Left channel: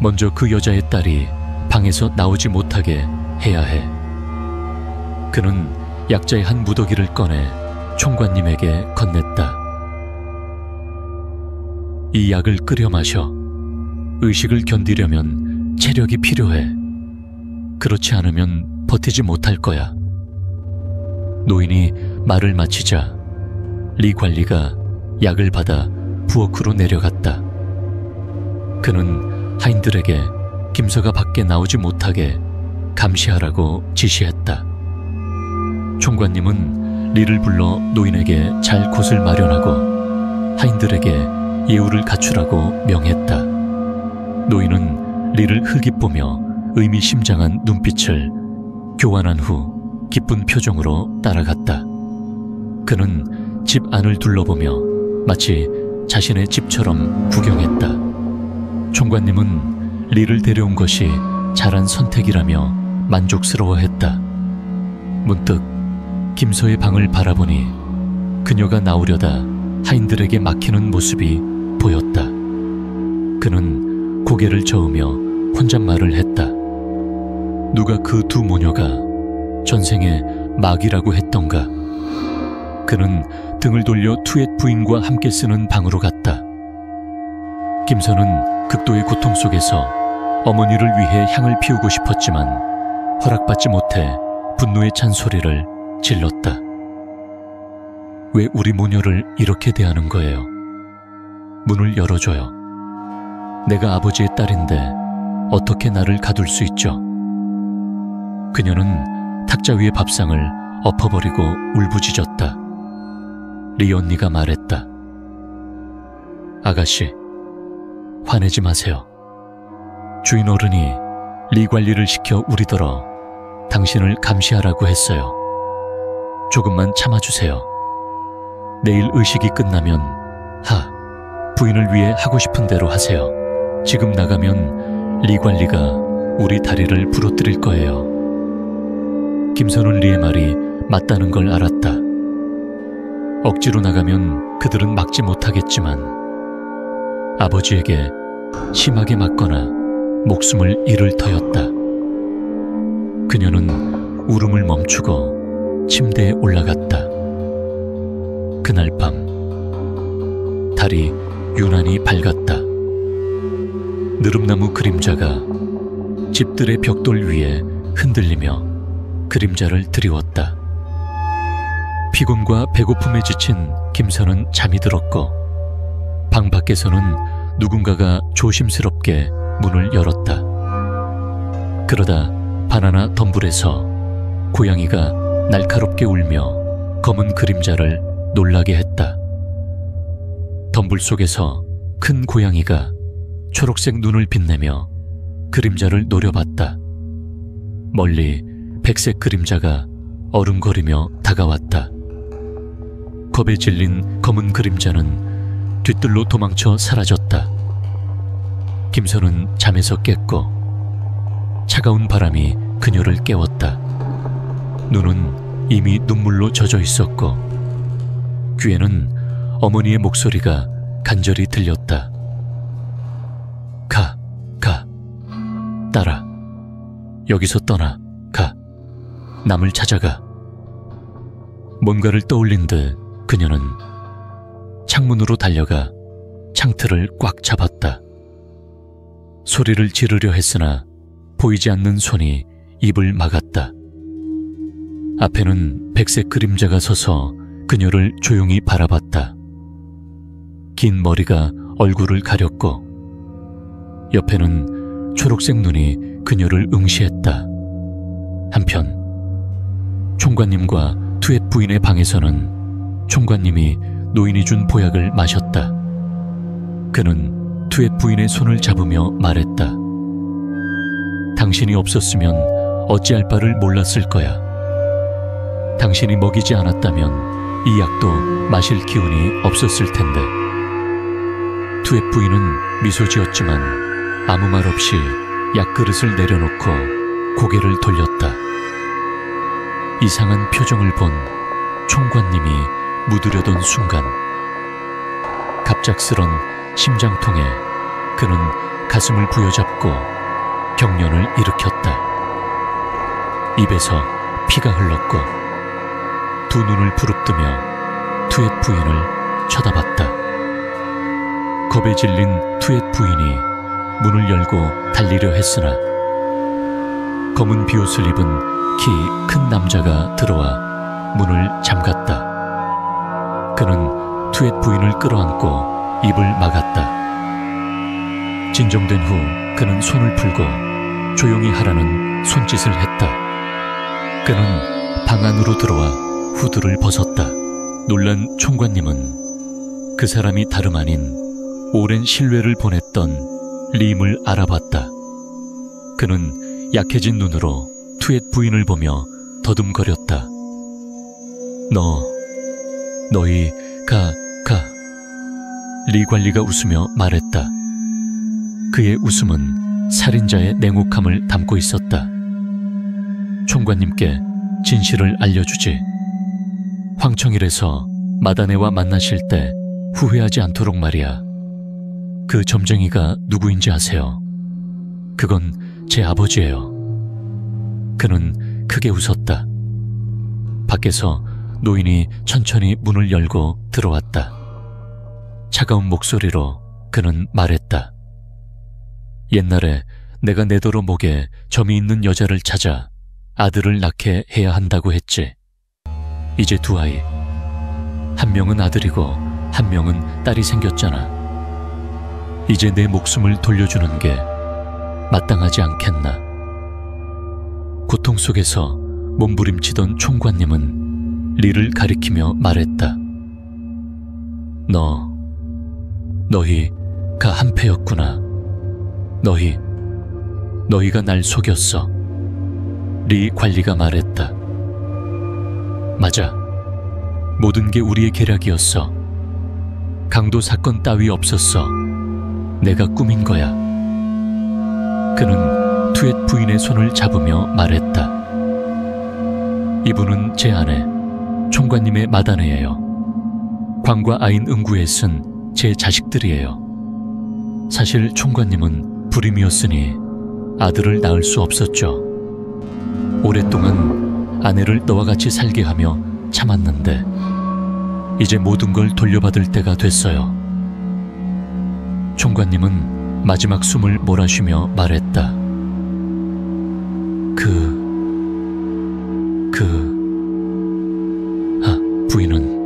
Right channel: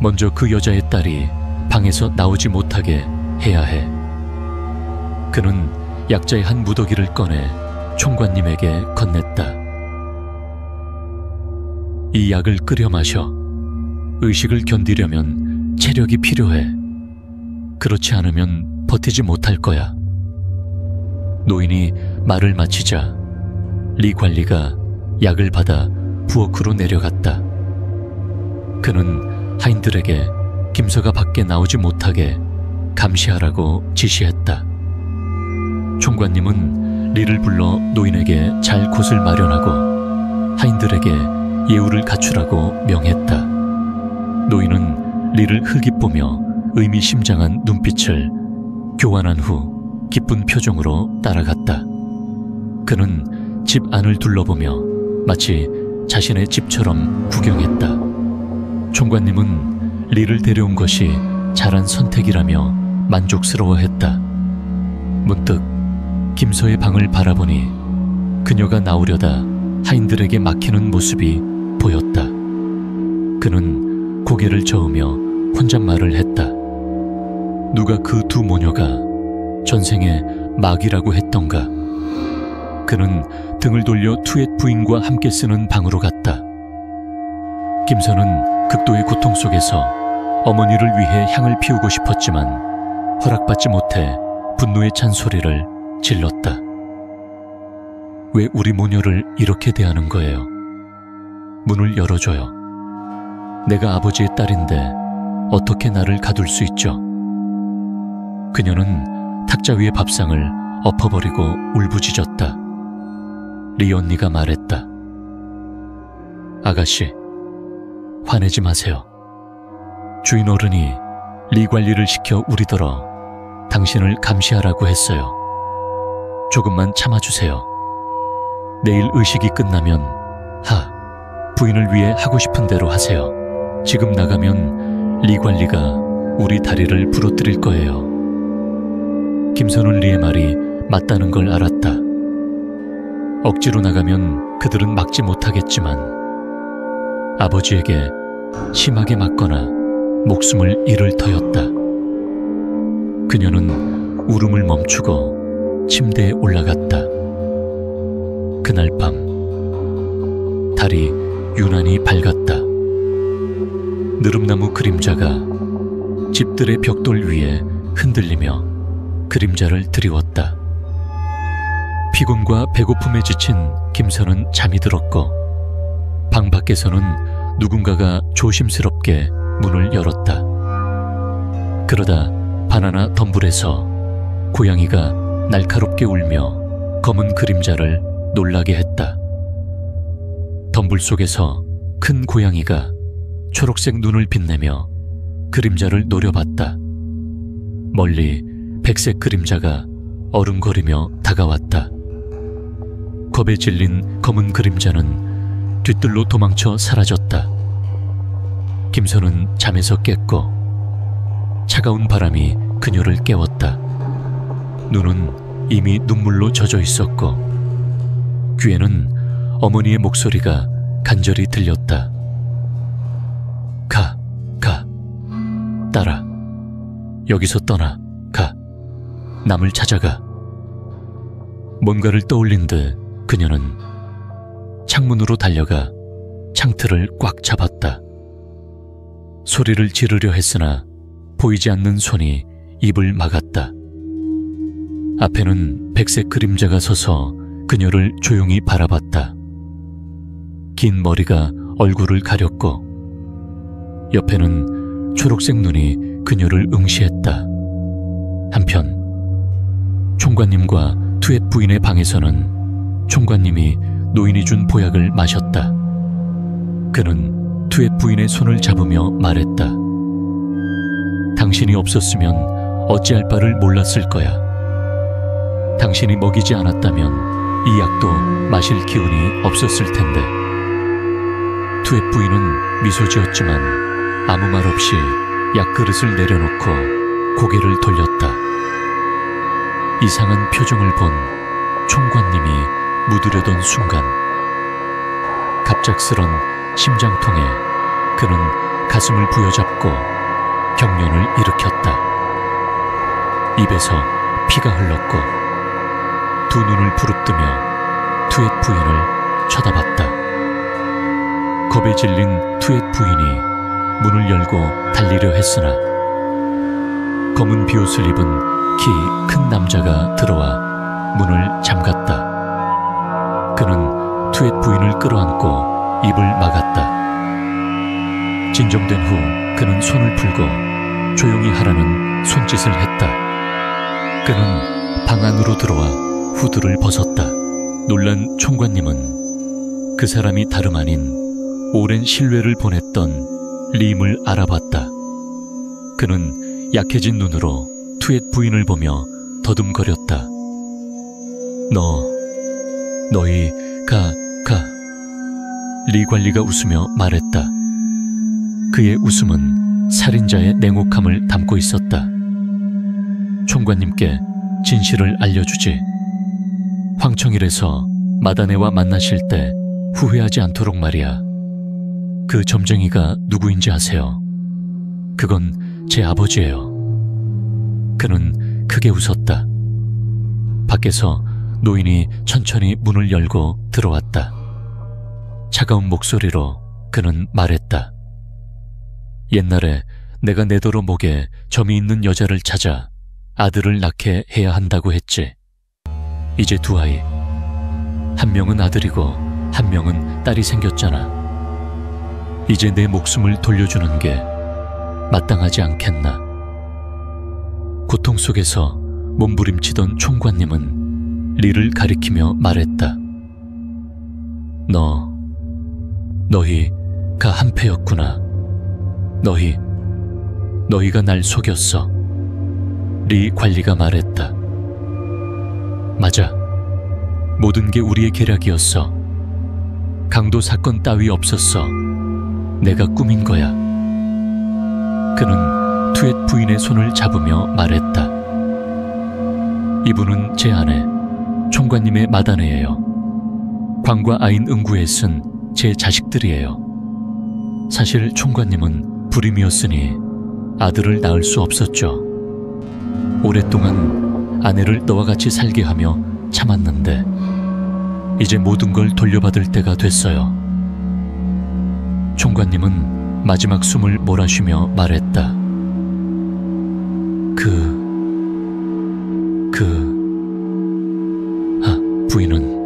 먼저 그 여자의 딸이 방에서 나오지 못하게 해야 해. 그는 약자의 한 무더기를 꺼내 총관님에게 건넸다. 이 약을 끓여 마셔. 의식을 견디려면 체력이 필요해. 그렇지 않으면 버티지 못할 거야. 노인이 말을 마치자 리 관리가 약을 받아 부엌으로 내려갔다. 그는 하인들에게 김서가 밖에 나오지 못하게 감시하라고 지시했다. 총관님은 리를 불러 노인에게 잘 곳을 마련하고 하인들에게 예우를 갖추라고 명했다. 노인은 리를 흘깃보며 의미심장한 눈빛을 교환한 후 기쁜 표정으로 따라갔다. 그는 집 안을 둘러보며 마치 자신의 집처럼 구경했다. 총관님은 리를 데려온 것이 잘한 선택이라며 만족스러워했다. 문득 김서의 방을 바라보니 그녀가 나오려다 하인들에게 막히는 모습이 보였다. 그는 고개를 저으며 혼잣말을 했다. 누가 그 두 모녀가 전생에 마귀라고 했던가. 그는 등을 돌려 투엣 부인과 함께 쓰는 방으로 갔다. 김서는 극도의 고통 속에서 어머니를 위해 향을 피우고 싶었지만 허락받지 못해 분노의 찬소리를 질렀다. 왜 우리 모녀를 이렇게 대하는 거예요? 문을 열어줘요. 내가 아버지의 딸인데 어떻게 나를 가둘 수 있죠? 그녀는 탁자 위의 밥상을 엎어버리고 울부짖었다. 리 언니가 말했다. 아가씨, 화내지 마세요. 주인 어른이 리 관리를 시켜 우리더러 당신을 감시하라고 했어요. 조금만 참아주세요. 내일 의식이 끝나면 부인을 위해 하고 싶은 대로 하세요. 지금 나가면 리 관리가 우리 다리를 부러뜨릴 거예요. 김선은 리의 말이 맞다는 걸 알았다. 억지로 나가면 그들은 막지 못하겠지만 아버지에게 심하게 맞거나 목숨을 잃을 터였다. 그녀는 울음을 멈추고 침대에 올라갔다. 그날 밤 달이 유난히 밝았다. 느릅나무 그림자가 집들의 벽돌 위에 흔들리며 그림자를 드리웠다. 피곤과 배고픔에 지친 김선은 잠이 들었고 방 밖에서는 누군가가 조심스럽게 문을 열었다. 그러다 바나나 덤불에서 고양이가 날카롭게 울며 검은 그림자를 놀라게 했다. 덤불 속에서 큰 고양이가 초록색 눈을 빛내며 그림자를 노려봤다. 멀리 백색 그림자가 어른거리며 다가왔다. 겁에 질린 검은 그림자는 뒤뜰로 도망쳐 사라졌다. 김선은 잠에서 깼고 차가운 바람이 그녀를 깨웠다. 눈은 이미 눈물로 젖어 있었고 귀에는 어머니의 목소리가 간절히 들렸다. 가, 딸아. 여기서 떠나, 가. 남을 찾아가. 뭔가를 떠올린 듯 그녀는 창문으로 달려가 창틀을 꽉 잡았다. 소리를 지르려 했으나 보이지 않는 손이 입을 막았다. 앞에는 백색 그림자가 서서 그녀를 조용히 바라봤다. 긴 머리가 얼굴을 가렸고 옆에는 초록색 눈이 그녀를 응시했다. 한편 총관님과 투엣 부인의 방에서는 총관님이 노인이 준 보약을 마셨다. 그는 투엣 부인의 손을 잡으며 말했다. 당신이 없었으면 어찌할 바를 몰랐을 거야. 당신이 먹이지 않았다면 이 약도 마실 기운이 없었을 텐데. 투엣 부인은 미소 지었지만 아무 말 없이 약그릇을 내려놓고 고개를 돌렸다. 이상한 표정을 본 총관님이 묻으려던 순간 갑작스런 심장통에 그는 가슴을 부여잡고 경련을 일으켰다. 입에서 피가 흘렀고 두 눈을 부릅뜨며 투엣 부인을 쳐다봤다. 겁에 질린 투엣 부인이 문을 열고 달리려 했으나 검은 비옷을 입은 키 큰 남자가 들어와 문을 잠갔다. 그는 투엣 부인을 끌어안고 입을 막았다. 진정된 후 그는 손을 풀고 조용히 하라는 손짓을 했다. 그는 방 안으로 들어와 후드를 벗었다. 놀란 총관님은 그 사람이 다름 아닌 오랜 신뢰를 보냈던 림을 알아봤다. 그는 약해진 눈으로 투엣 부인을 보며 더듬거렸다. 너희 가. 리 관리가 웃으며 말했다. 그의 웃음은 살인자의 냉혹함을 담고 있었다. 총관님께 진실을 알려주지. 황청일에서 마다네와 만나실 때 후회하지 않도록 말이야. 그 점쟁이가 누구인지 아세요? 그건 제 아버지예요. 그는 크게 웃었다. 밖에서 노인이 천천히 문을 열고 들어왔다. 차가운 목소리로 그는 말했다. 옛날에 내가 내도로 목에 점이 있는 여자를 찾아 아들을 낳게 해야 한다고 했지. 이제 두 아이. 한 명은 아들이고 한 명은 딸이 생겼잖아. 이제 내 목숨을 돌려주는 게 마땅하지 않겠나. 고통 속에서 몸부림치던 총관님은 리를 가리키며 말했다. 너희가 한패였구나. 너희가 날 속였어. 리 관리가 말했다. 맞아. 모든 게 우리의 계략이었어. 강도 사건 따위 없었어. 내가 꾸민 거야. 그는 투엣 부인의 손을 잡으며 말했다. 이분은 제 아내, 총관님의 마다네예요. 광과 아인 응구에 쓴 제 자식들이에요. 사실 총관님은 불임이었으니 아들을 낳을 수 없었죠. 오랫동안 아내를 너와 같이 살게 하며 참았는데 이제 모든 걸 돌려받을 때가 됐어요. 총관님은 마지막 숨을 몰아쉬며 말했다. 부인은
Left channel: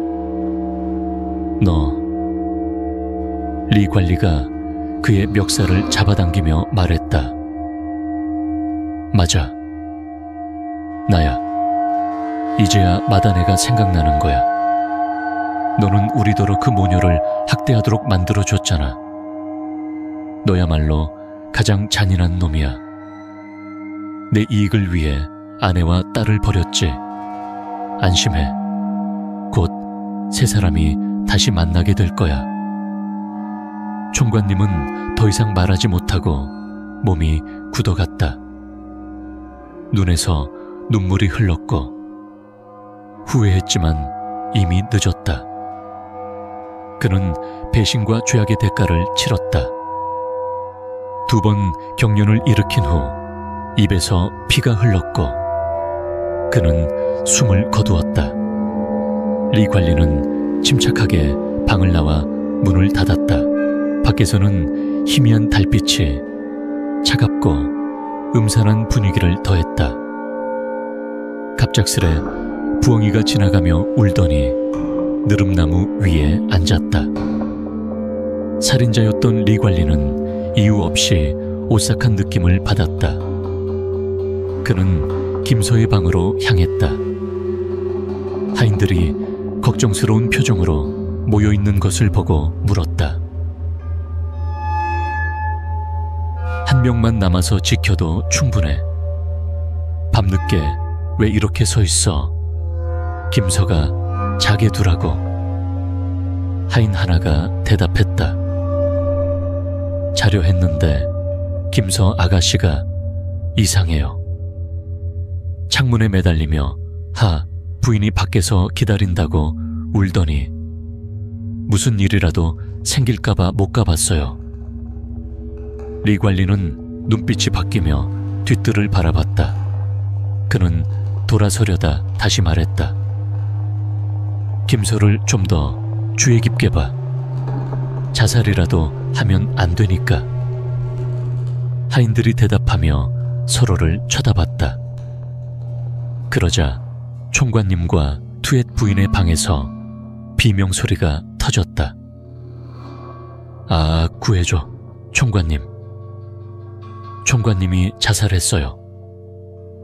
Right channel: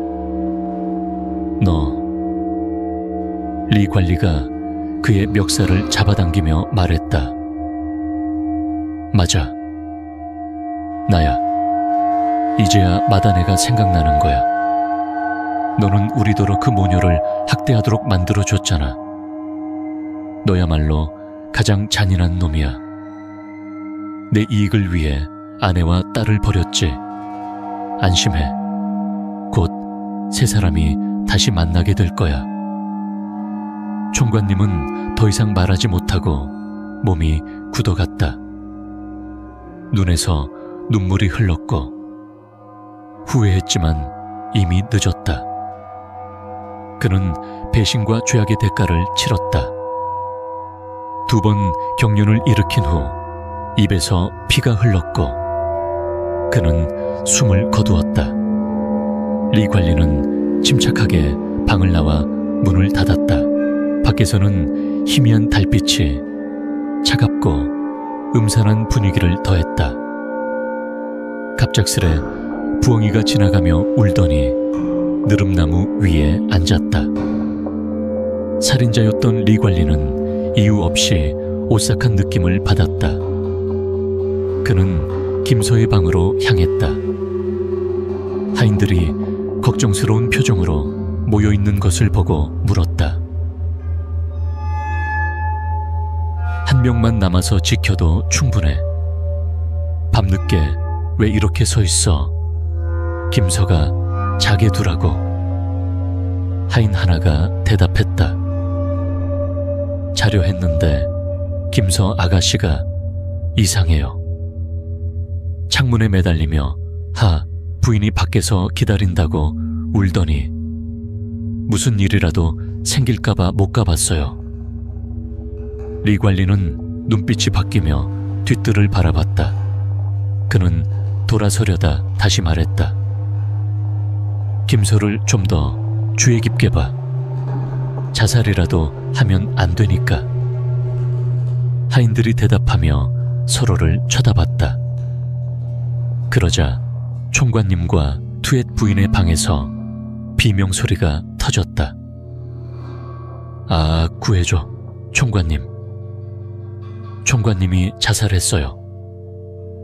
리 관리가 그의 멱살을 잡아당기며 말했다. 맞아. 나야. 이제야 마다네가 생각나는 거야. 너는 우리더러 그 모녀를 학대하도록 만들어줬잖아. 너야말로 가장 잔인한 놈이야. 내 이익을 위해 아내와 딸을 버렸지. 안심해. 곧 세 사람이 다시 만나게 될 거야. 총관님은 더 이상 말하지 못하고 몸이 굳어갔다. 눈에서 눈물이 흘렀고 후회했지만 이미 늦었다. 그는 배신과 죄악의 대가를 치렀다. 2번 경련을 일으킨 후 입에서 피가 흘렀고 그는 숨을 거두었다. 리 관리는 침착하게 방을 나와 문을 닫았다. 밖에서는 희미한 달빛이 차갑고 음산한 분위기를 더했다. 갑작스레 부엉이가 지나가며 울더니 느릅나무 위에 앉았다. 살인자였던 리 관리는 이유 없이 오싹한 느낌을 받았다. 그는 김서의 방으로 향했다. 하인들이 걱정스러운 표정으로 모여있는 것을 보고 물었다. 한 명만 남아서 지켜도 충분해. 밤늦게 왜 이렇게 서 있어? 김서가 자게 두라고. 하인 하나가 대답했다. 자려 했는데 김서 아가씨가 이상해요. 창문에 매달리며 부인이 밖에서 기다린다고 울더니 무슨 일이라도 생길까봐 못 가봤어요. 리 관리는 눈빛이 바뀌며 뒷뜰을 바라봤다. 그는 돌아서려다 다시 말했다. 김소를 좀 더 주의 깊게 봐. 자살이라도 하면 안 되니까. 하인들이 대답하며 서로를 쳐다봤다. 그러자 총관님과 투엣 부인의 방에서 비명소리가 터졌다. 아, 구해줘, 총관님. 총관님이 자살했어요.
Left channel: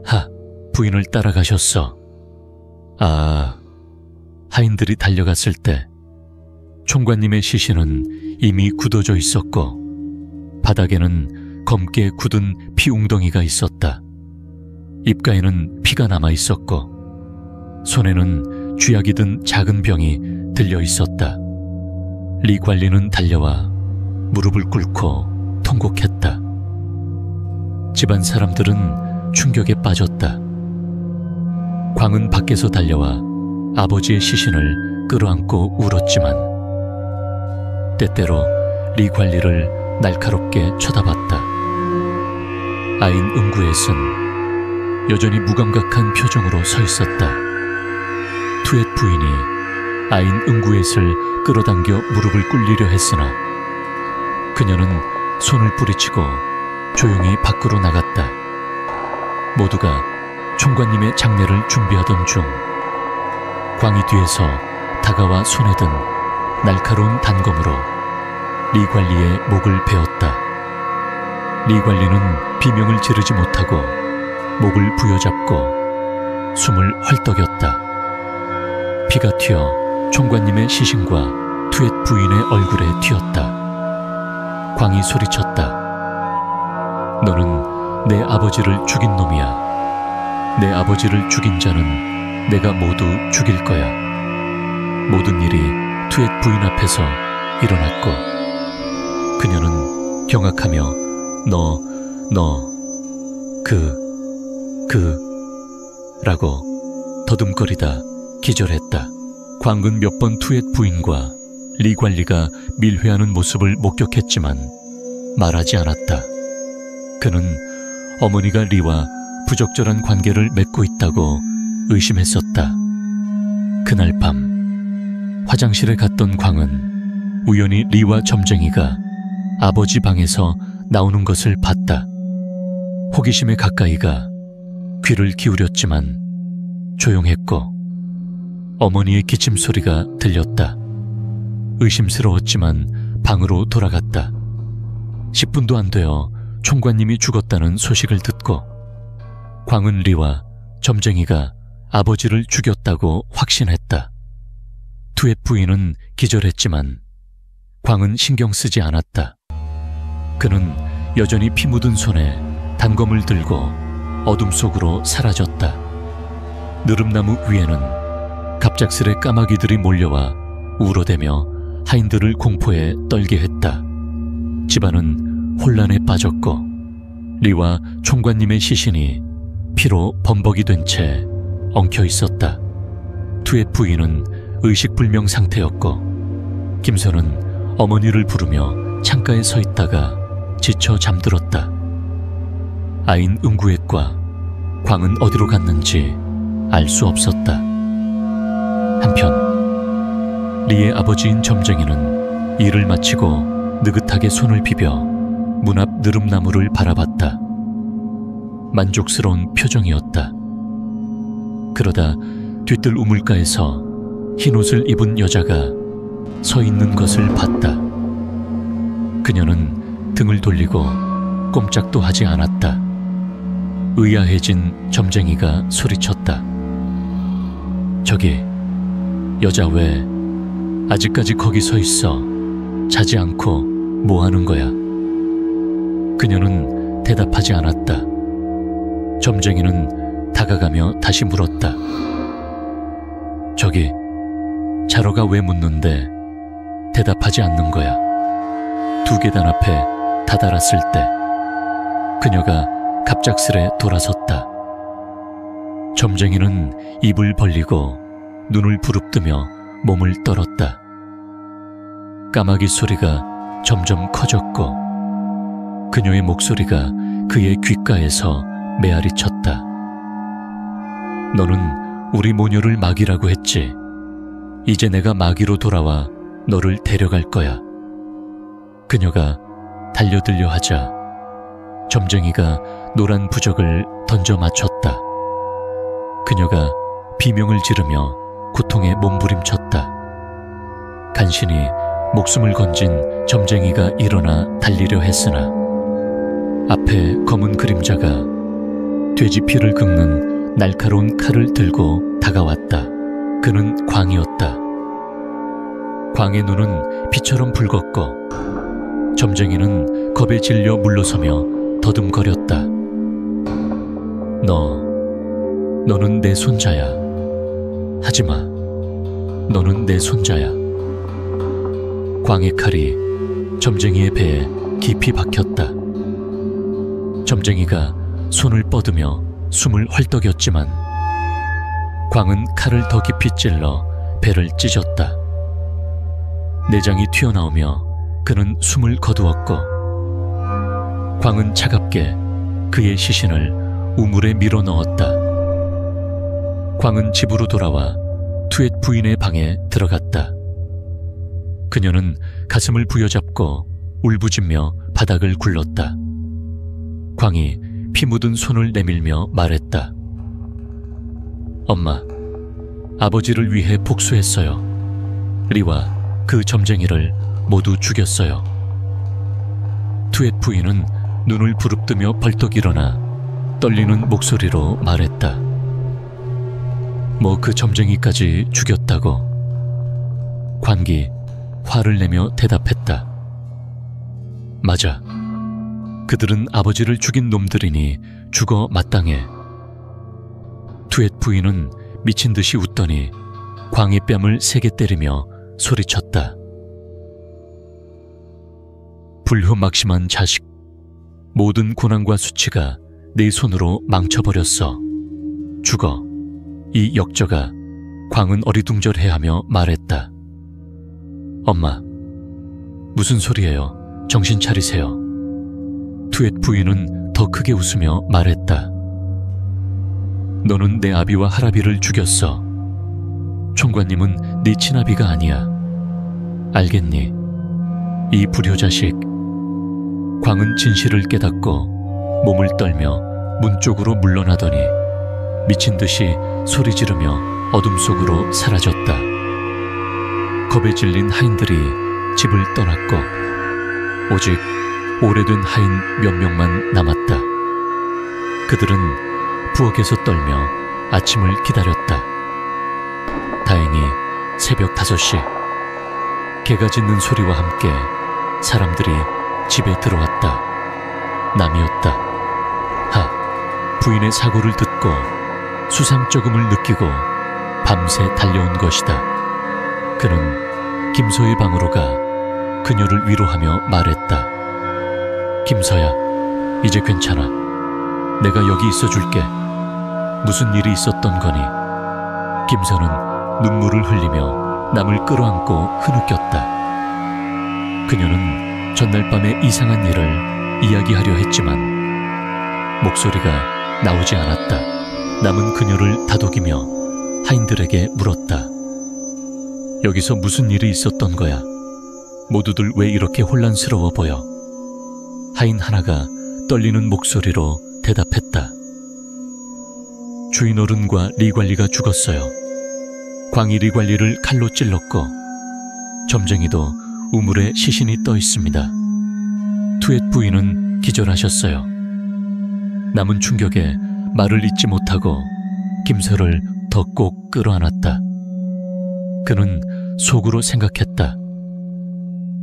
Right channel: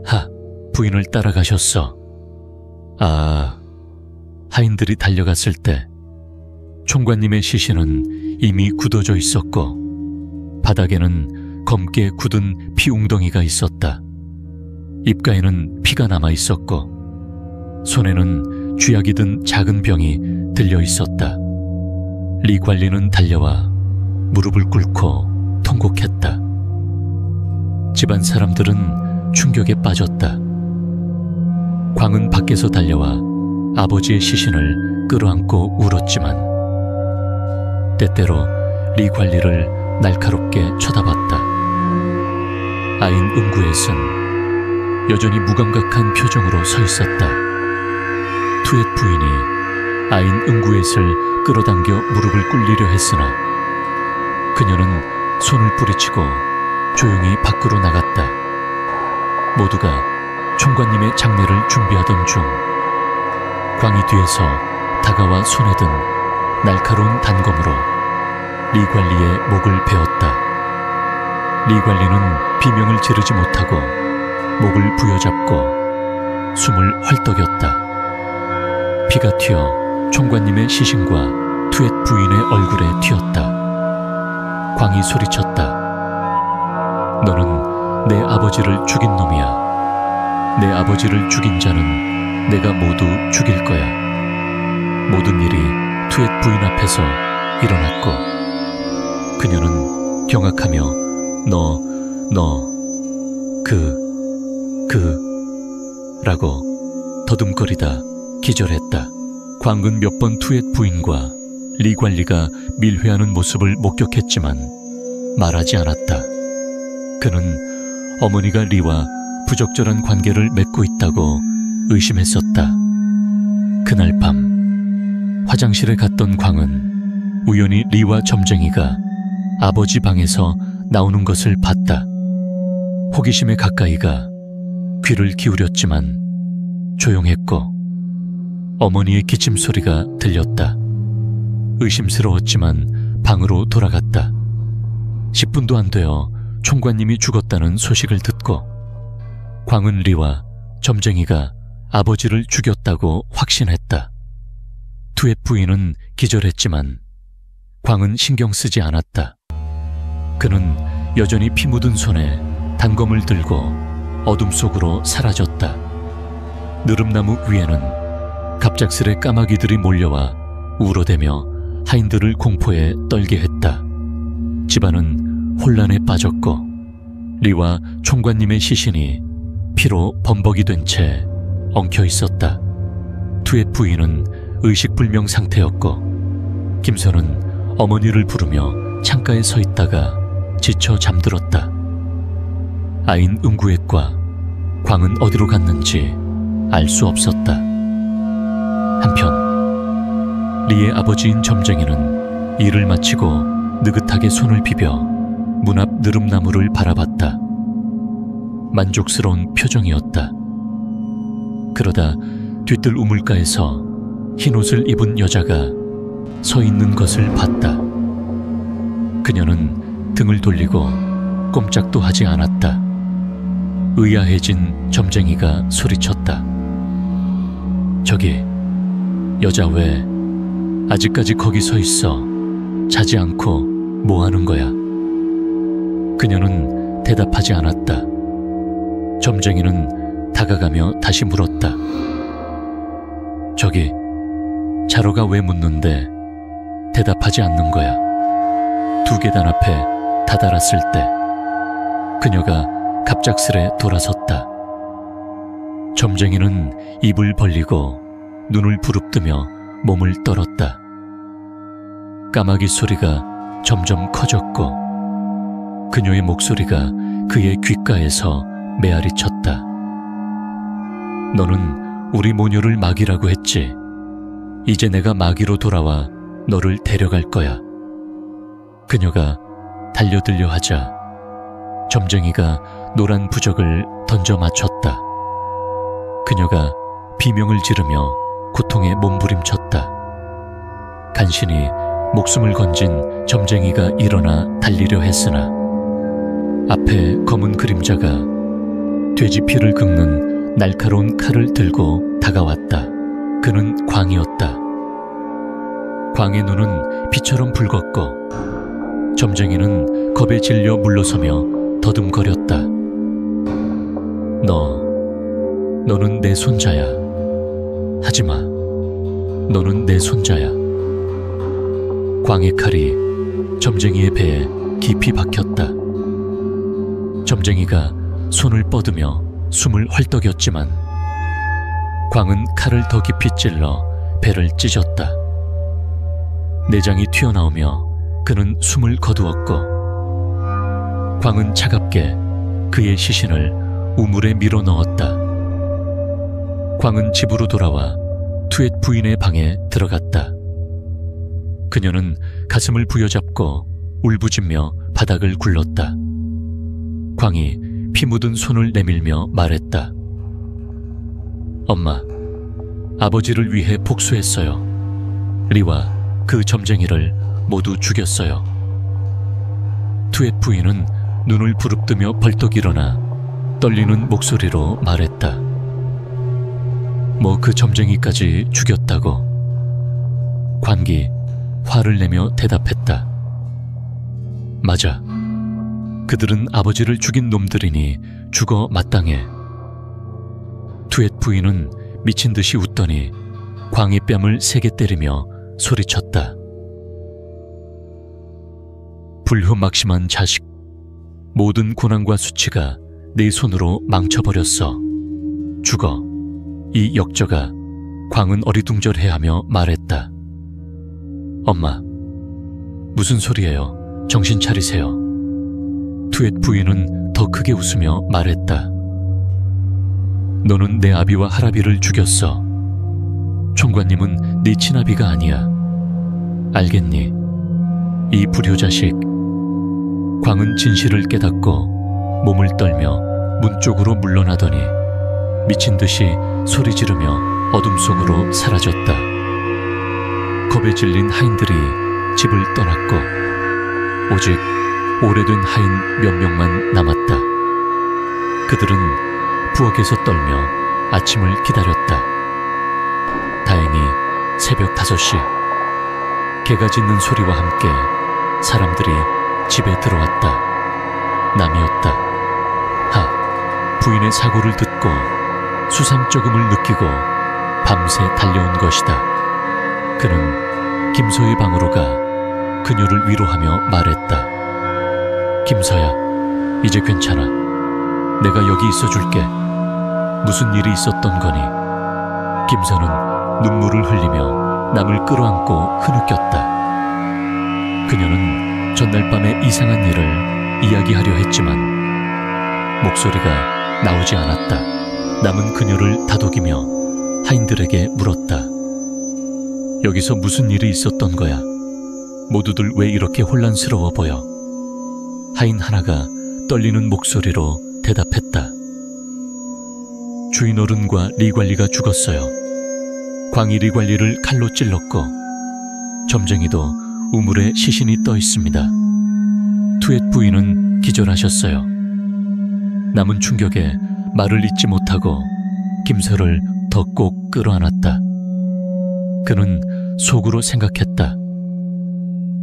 하, 부인을 따라가셨어. 아, 하인들이 달려갔을 때 총관님의 시신은 이미 굳어져 있었고 바닥에는 검게 굳은 피웅덩이가 있었다. 입가에는 피가 남아 있었고 손에는 쥐약이 든 작은 병이 들려 있었다. 리 관리는 달려와 무릎을 꿇고 통곡했다. 집안 사람들은 충격에 빠졌다. 광은 밖에서 달려와 아버지의 시신을 끌어안고 울었지만 때때로 리 관리를 날카롭게 쳐다봤다. 아인 응구엣은 여전히 무감각한 표정으로 서 있었다. 투엣 부인이 아인 응구엣을 끌어당겨 무릎을 꿇리려 했으나 그녀는 손을 뿌리치고 조용히 밖으로 나갔다. 모두가 총관님의 장례를 준비하던 중 광이 뒤에서 다가와 손에 든 날카로운 단검으로 리 관리의 목을 베었다. 리 관리는 비명을 지르지 못하고 목을 부여잡고 숨을 헐떡였다. 피가 튀어 총관님의 시신과 투엣 부인의 얼굴에 튀었다. 광이 소리쳤다. 너는 내 아버지를 죽인 놈이야. 내 아버지를 죽인 자는 내가 모두 죽일 거야. 모든 일이 투엣 부인 앞에서 일어났고 그녀는 경악하며 라고 더듬거리다 기절했다. 광은 몇 번 투엣 부인과 리 관리가 밀회하는 모습을 목격했지만 말하지 않았다. 그는 어머니가 리와 부적절한 관계를 맺고 있다고 의심했었다. 그날 밤 화장실에 갔던 광은 우연히 리와 점쟁이가 아버지 방에서 나오는 것을 봤다. 호기심에 가까이가 귀를 기울였지만 조용했고 어머니의 기침 소리가 들렸다. 의심스러웠지만 방으로 돌아갔다. 10분도 안 되어 총관님이 죽었다는 소식을 듣고 광은 리와 점쟁이가 아버지를 죽였다고 확신했다. 투엣 부인은 기절했지만 광은 신경 쓰지 않았다. 그는 여전히 피 묻은 손에 단검을 들고 어둠 속으로 사라졌다. 느릅나무 위에는 갑작스레 까마귀들이 몰려와 울어대며 하인들을 공포에 떨게 했다. 집안은 혼란에 빠졌고 리와 총관님의 시신이 피로 범벅이 된 채 엉켜 있었다. 투엣 부인은 의식불명 상태였고 김선은 어머니를 부르며 창가에 서 있다가 지쳐 잠들었다. 아인 응구엣과 광은 어디로 갔는지 알 수 없었다. 한편 리의 아버지인 점쟁이는 일을 마치고 느긋하게 손을 비벼 문 앞 느릅나무를 바라봤다. 만족스러운 표정이었다. 그러다 뒤뜰 우물가에서 흰옷을 입은 여자가 서 있는 것을 봤다. 그녀는 등을 돌리고 꼼짝도 하지 않았다. 의아해진 점쟁이가 소리쳤다. 저기, 여자 왜 아직까지 거기 서 있어? 자지 않고 뭐 하는 거야? 그녀는 대답하지 않았다. 점쟁이는 다가가며 다시 물었다. 저기, 자러가 왜 묻는데 대답하지 않는 거야? 두 계단 앞에 다다랐을 때 그녀가 갑작스레 돌아섰다. 점쟁이는 입을 벌리고 눈을 부릅뜨며 몸을 떨었다. 까마귀 소리가 점점 커졌고 그녀의 목소리가 그의 귓가에서 메아리 쳤다. 너는 우리 모녀를 마귀라고 했지. 이제 내가 마귀로 돌아와 너를 데려갈 거야. 그녀가 달려들려 하자 점쟁이가 노란 부적을 던져 맞췄다. 그녀가 비명을 지르며 고통에 몸부림쳤다. 간신히 목숨을 건진 점쟁이가 일어나 달리려 했으나 앞에 검은 그림자가 돼지 피를 긁는 날카로운 칼을 들고 다가왔다. 그는 광이었다. 광의 눈은 피처럼 붉었고 점쟁이는 겁에 질려 물러서며 더듬거렸다. 너는 내 손자야. 하지마. 너는 내 손자야. 광의 칼이 점쟁이의 배에 깊이 박혔다. 점쟁이가 손을 뻗으며 숨을 헐떡였지만 광은 칼을 더 깊이 찔러 배를 찢었다. 내장이 튀어나오며 그는 숨을 거두었고 광은 차갑게 그의 시신을 우물에 밀어 넣었다. 광은 집으로 돌아와 투엣 부인의 방에 들어갔다. 그녀는 가슴을 부여잡고 울부짖며 바닥을 굴렀다. 광이 피 묻은 손을 내밀며 말했다. 엄마, 아버지를 위해 복수했어요. 리와 그 점쟁이를 모두 죽였어요. 투엣 부인은 눈을 부릅뜨며 벌떡 일어나 떨리는 목소리로 말했다. 뭐 그 점쟁이까지 죽였다고? 광기 화를 내며 대답했다. 맞아. 그들은 아버지를 죽인 놈들이니 죽어 마땅해. 투엣 부인은 미친 듯이 웃더니 광의 뺨을 세게 때리며 소리쳤다. 불효막심한 자식. 모든 고난과 수치가 네 손으로 망쳐버렸어. 죽어. 이 역저가 광은 어리둥절해하며 말했다. 엄마, 무슨 소리예요? 정신 차리세요. 투엣 부인은 더 크게 웃으며 말했다. 너는 내 아비와 할아비를 죽였어. 총관님은 네 친아비가 아니야. 알겠니? 이 불효자식. 광은 진실을 깨닫고 몸을 떨며 문 쪽으로 물러나더니 미친 듯이 소리 지르며 어둠 속으로 사라졌다. 겁에 질린 하인들이 집을 떠났고 오직 오래된 하인 몇 명만 남았다. 그들은 부엌에서 떨며 아침을 기다렸다. 다행히 새벽 5시 개가 짖는 소리와 함께 사람들이 집에 들어왔다. 남이었다. 부인의 사고를 듣고 수상쩍음을 느끼고 밤새 달려온 것이다. 그는 김서의 방으로 가 그녀를 위로하며 말했다. 김서야, 이제 괜찮아. 내가 여기 있어줄게. 무슨 일이 있었던 거니? 김서는 눈물을 흘리며 남을 끌어안고 흐느꼈다. 그녀는 전날 밤의 이상한 일을 이야기하려 했지만 목소리가 나오지 않았다. 남은 그녀를 다독이며 하인들에게 물었다. 여기서 무슨 일이 있었던 거야? 모두들 왜 이렇게 혼란스러워 보여? 하인 하나가 떨리는 목소리로 대답했다. 주인 어른과 리관리가 죽었어요. 광이 리관리를 칼로 찔렀고 점쟁이도 우물에 시신이 떠 있습니다. 투엣 부인은 기절하셨어요. 남은 충격에 말을 잇지 못하고 김서를 더 꼭 끌어안았다. 그는 속으로 생각했다.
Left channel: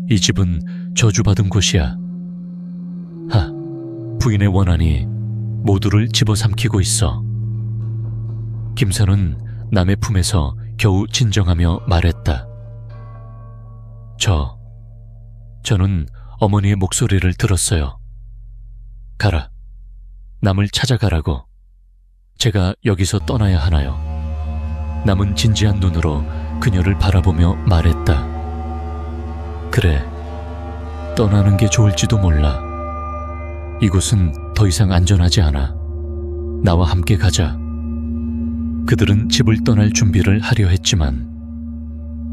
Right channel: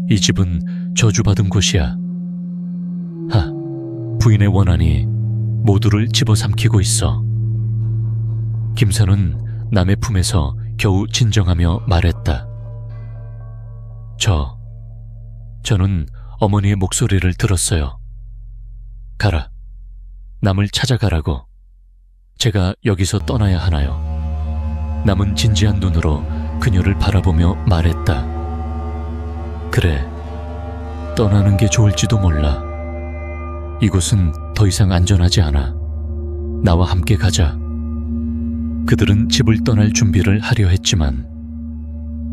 이 집은 저주받은 곳이야. 부인의 원한이 모두를 집어삼키고 있어. 김서는 남의 품에서 겨우 진정하며 말했다. 저는 어머니의 목소리를 들었어요. 가라. 남을 찾아가라고. 제가 여기서 떠나야 하나요? 남은 진지한 눈으로 그녀를 바라보며 말했다. 그래, 떠나는 게 좋을지도 몰라. 이곳은 더 이상 안전하지 않아. 나와 함께 가자. 그들은 집을 떠날 준비를 하려 했지만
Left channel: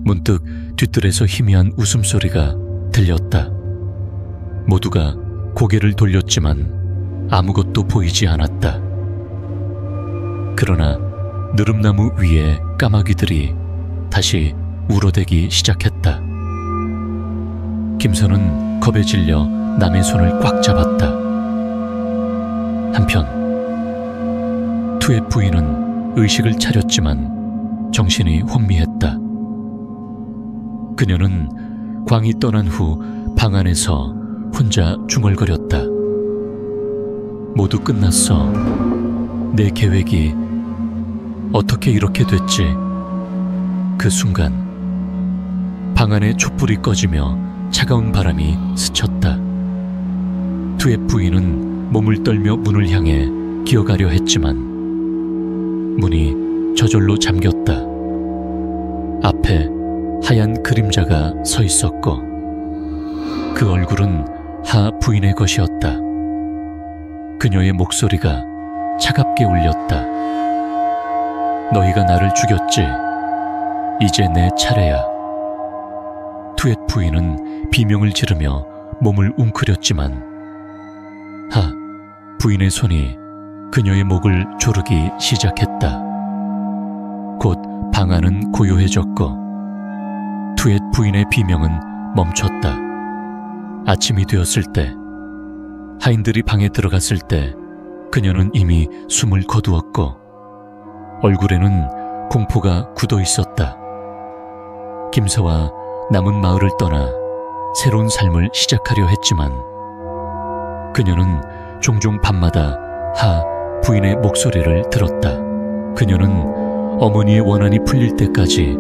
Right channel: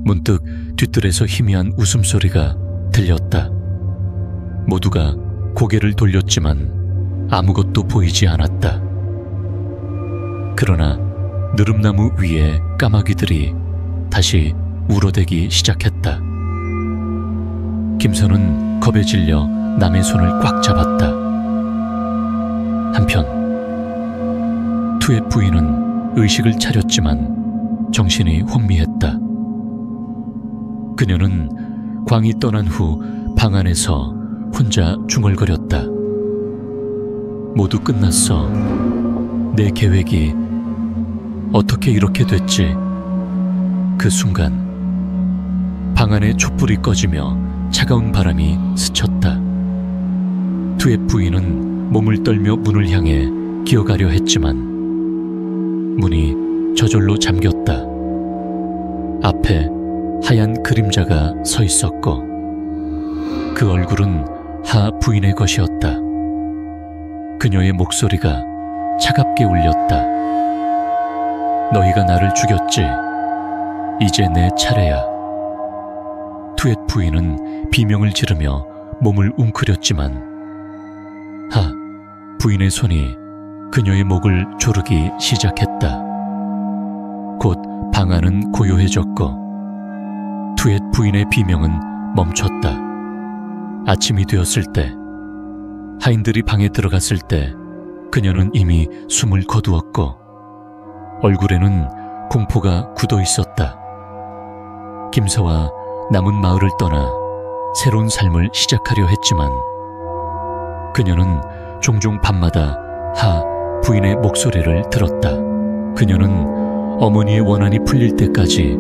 문득 뒤뜰에서 희미한 웃음소리가 들렸다. 모두가 고개를 돌렸지만 아무것도 보이지 않았다. 그러나 느릅나무 위에 까마귀들이 다시 울어대기 시작했다. 김선은 겁에 질려 남의 손을 꽉 잡았다. 한편 투의 부인은 의식을 차렸지만 정신이 혼미했다. 그녀는 광이 떠난 후 방 안에서 혼자 중얼거렸다. 모두 끝났어. 내 계획이 어떻게 이렇게 됐지? 그 순간 방 안에 촛불이 꺼지며 차가운 바람이 스쳤다. 투의 부인은 몸을 떨며 문을 향해 기어가려 했지만 문이 저절로 잠겼다. 앞에 하얀 그림자가 서 있었고 그 얼굴은 하 부인의 것이었다. 그녀의 목소리가 차갑게 울렸다. 너희가 나를 죽였지. 이제 내 차례야. 투엣 부인은 비명을 지르며 몸을 웅크렸지만 하 부인의 손이 그녀의 목을 조르기 시작했다. 곧 방 안은 고요해졌고 투엣 부인의 비명은 멈췄다. 아침이 되었을 때 하인들이 방에 들어갔을 때 그녀는 이미 숨을 거두었고 얼굴에는 공포가 굳어 있었다. 김서와 남은 마을을 떠나 새로운 삶을 시작하려 했지만 그녀는 종종 밤마다 하 부인의 목소리를 들었다. 그녀는 어머니의 원한이 풀릴 때까지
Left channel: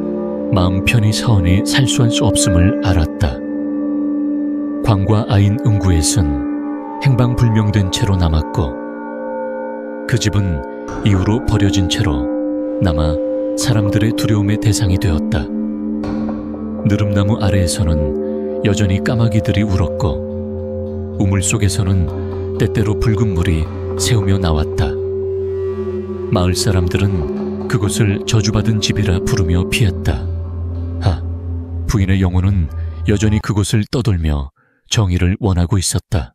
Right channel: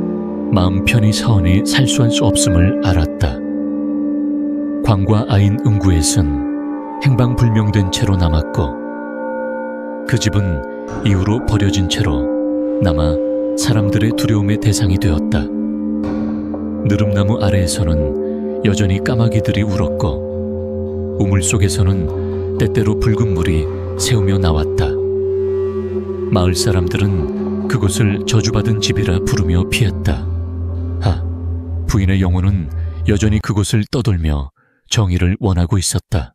마음 편히 사원이 살수할 수 없음을 알았다. 광과 아인 응구엣은 행방불명된 채로 남았고 그 집은 이후로 버려진 채로 남아 사람들의 두려움의 대상이 되었다. 느릅나무 아래에서는 여전히 까마귀들이 울었고 우물 속에서는 때때로 붉은 물이 새우며 나왔다. 마을 사람들은 그곳을 저주받은 집이라 부르며 피했다. 하, 부인의 영혼은 여전히 그곳을 떠돌며 정의를 원하고 있었다.